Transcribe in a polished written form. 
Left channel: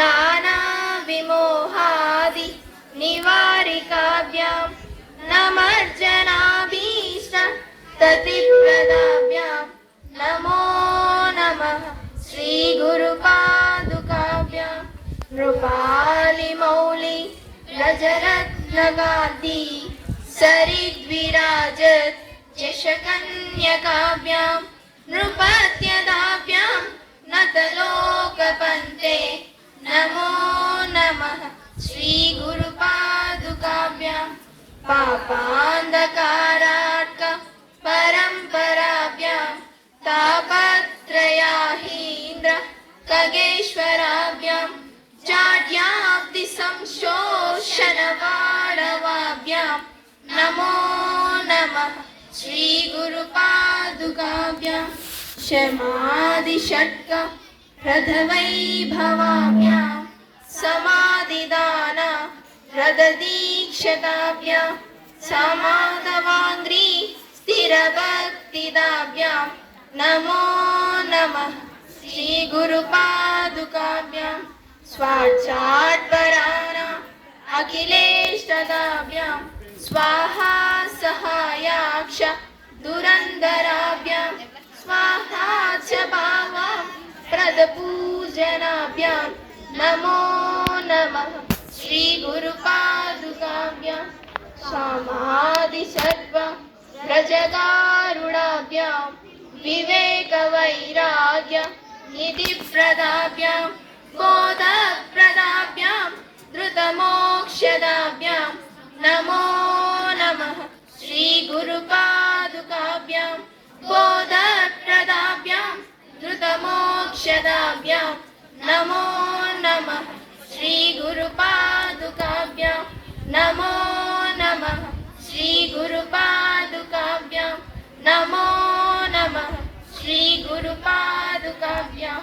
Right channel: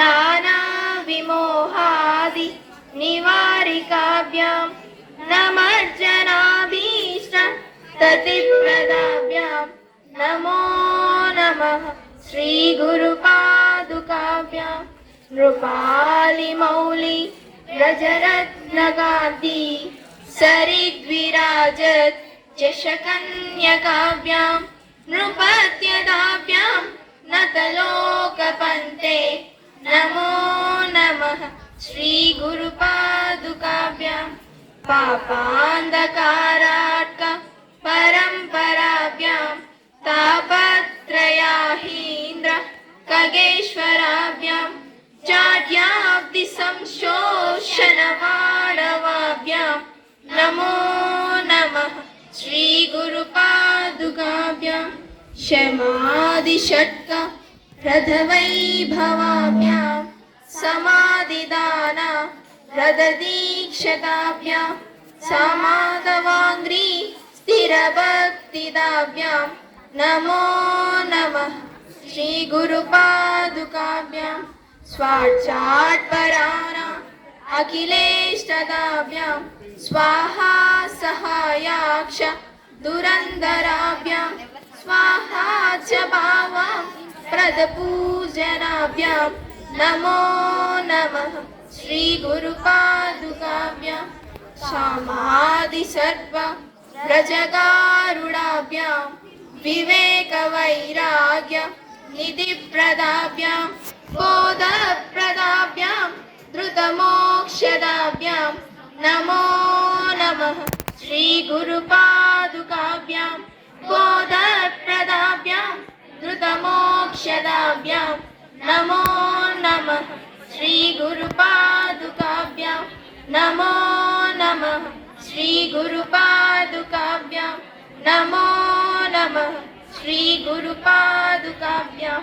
नानाविमोहादि निवारिकाभ्यां नमर्जनाभीष्ट ततिप्रदाभ्यां नमो नमः श्रीगुरुपादुकाभ्यां नृपालिमौलि व्रजरत्नगान्धी सरिद्विराजत् यशकन्यकाभ्यां नृपत्यदाभ्यां नतलोकपन्ते नमो नमः श्रीगुरुपादुकाभ्यां पापान्धकारार्क परम्पराभ्यां तापत्रयाहीन्द्र खगेश्वराभ्यां जाड्याब्धिसंशोषणवाडवाभ्यां नमो नमः श्रीगुरुपादुकाभ्यां क्षमादिषट्क रथवैभवाभ्यां समाधिदान रथदीक्षताभ्यां समाधवाङ्घ्रि स्थिरभक्तिदाभ्यां नमो नमः श्रीगुरुपादुकाभ्यां स्वाक्षात्पराणां अखिलेष्टदाभ्यां स्वाहा सहायाक्ष दुरन्धराभ्यां स्वाहा च भावां प्रदपूजनाभ्यां नमो नमः श्रीगुरुपादुकाभ्यां क्षमादिसर्व व्रजगारुडाभ्यां विवेकवैराग्य निधिप्रदाभ्यां बोधप्रदाभ्यां धृतमोक्षदाभ्यां नमो नमः श्रीगुरुपादुकाभ्यां बोधप्रदाभ्यां धृतमोक्षदाभ्यां नमो नमः श्रीगुरुपादुकाभ्यां नमो नमः श्रीगुरुपादुकाभ्यां नमो नमः श्रीगुरुपादुकाभ्यां